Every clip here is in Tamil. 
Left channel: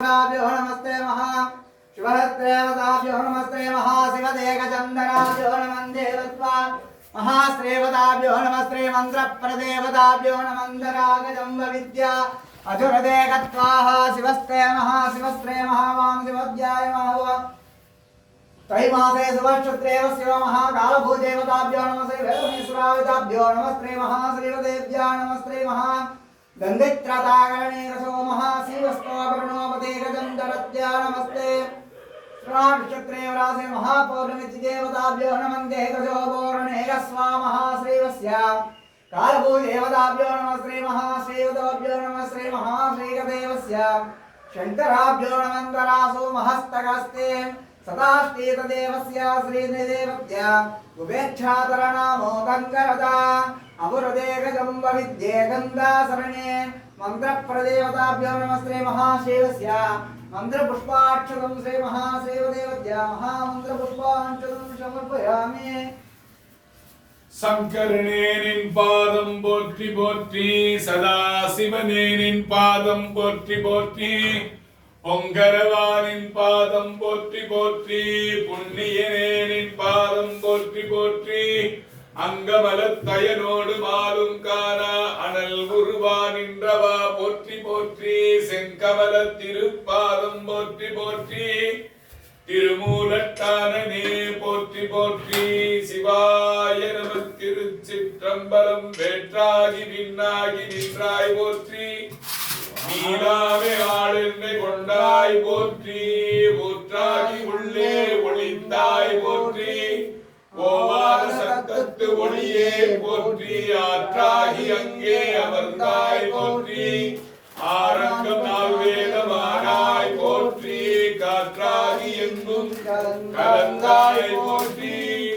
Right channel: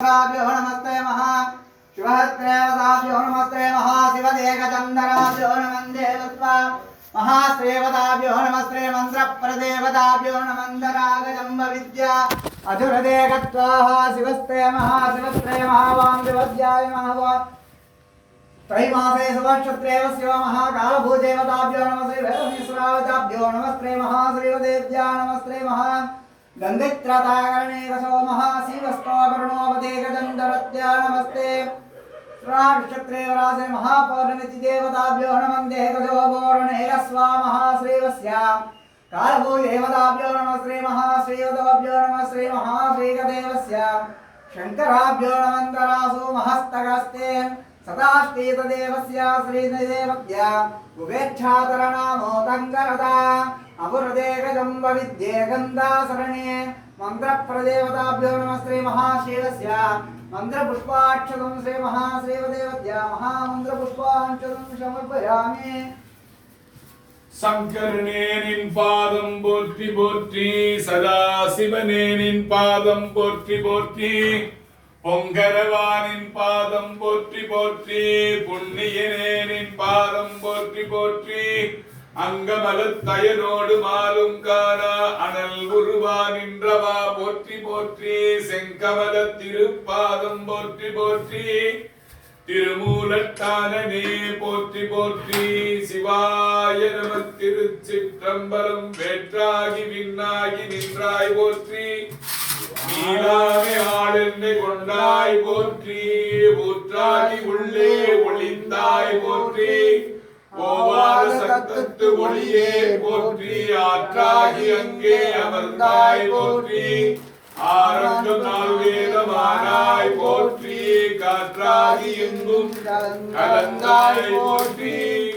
नमस्ते महा शिवहस्तेवताभ्यो नमस्ते महाशिवदेकचन्दनाभ्यो नमन्देवत्वा महाश्रेवताभ्यो नमस्ते मन्त्रप्रदेवताभ्यो नमन्दरागजम्ब विद्या अधुरदेकत्वाः शिवस्ते महाशिवस्त्रे महावांदिवद्याय महावा त्रैमासे सुवर्षत्रेव शिव महाकालभूदेवताभ्यो नमस्ते वेदमेश्वरावताभ्यो नमस्ते महाश्रीवदेव्या नमस्ते महा गंगित्रताकरणे रसो महाशिवस्तोकर्णोपते गजन्दरत्या नमस्ते श्रावणक्षत्रे वरासे महापौर्णमिति देवताभ्यो नमन्ते गजो पौर्णेरस्वा महाश्रीवस्य कालभूदेवताभ्यो नमस्ते महाश्रीवताभ्यो नमस्ते महाश्रीगदेवस्य शङ्कराभ्यो नमन्दरासो महस्तकस्ते सदाष्टीतदेवस्य श्रीदेवत्या उपेक्षातरनामो गङ्गरदा अपुरदेकजम्ब विद्ये गन्धासरणे मन्त्रप्रदेवताभ्यो नमस्ते महाशिवस्य मन्त्रपुष्पाक्षतं श्री महाशिवदेवत्या महामन्त्रपुष्पाक्षतं समर्पयामि शंकरने निन पादं पोट्टी पोट्टी सदा शिवने निन पादं पोट्टी पोट्टी பொங்கரவானின் பாதம் போற்றி போற்றி புண்ணியனே நின் பாதம் போற்றி போற்றி அங்கமலத்தயனோடு மாலும் காணா அனல் உருவா நின்றவா போற்றி போற்றி செங்கமல திருப்பாதம் போற்றி போற்றி திருமூலட்டானனே போற்றி போற்றி சிவாய நம திருச்சிற்றம்பலம் வேற்றாகி விண்ணாகி நின்றாய் போற்றி நீராவே ஆளென்னை கொண்டாய் போற்றி ஊற்றாகி உள்ளே ஒளிந்தாய் போற்றி ஓவாத சத்தத்து ஒளியே போற்றி ஆற்றாகி அங்கே அமர்ந்தாய் போற்றி ஆரங்கம் நாள் வேதமானாய் போற்றி காற்றாகி எங்கும் கலந்தாய் போற்றி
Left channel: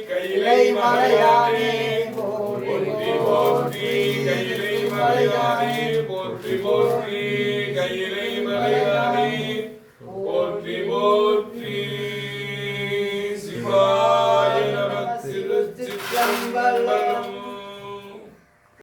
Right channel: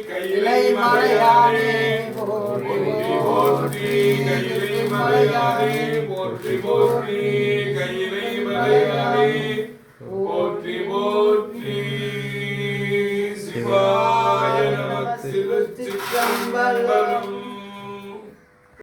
கையிலை மலையானே போற்றி போற்றி கையிலை மலையானே போற்றி போற்றி கையிலை மலையானே போற்றி போற்றி சிவாய நம திருச்சிற்றம்பலம்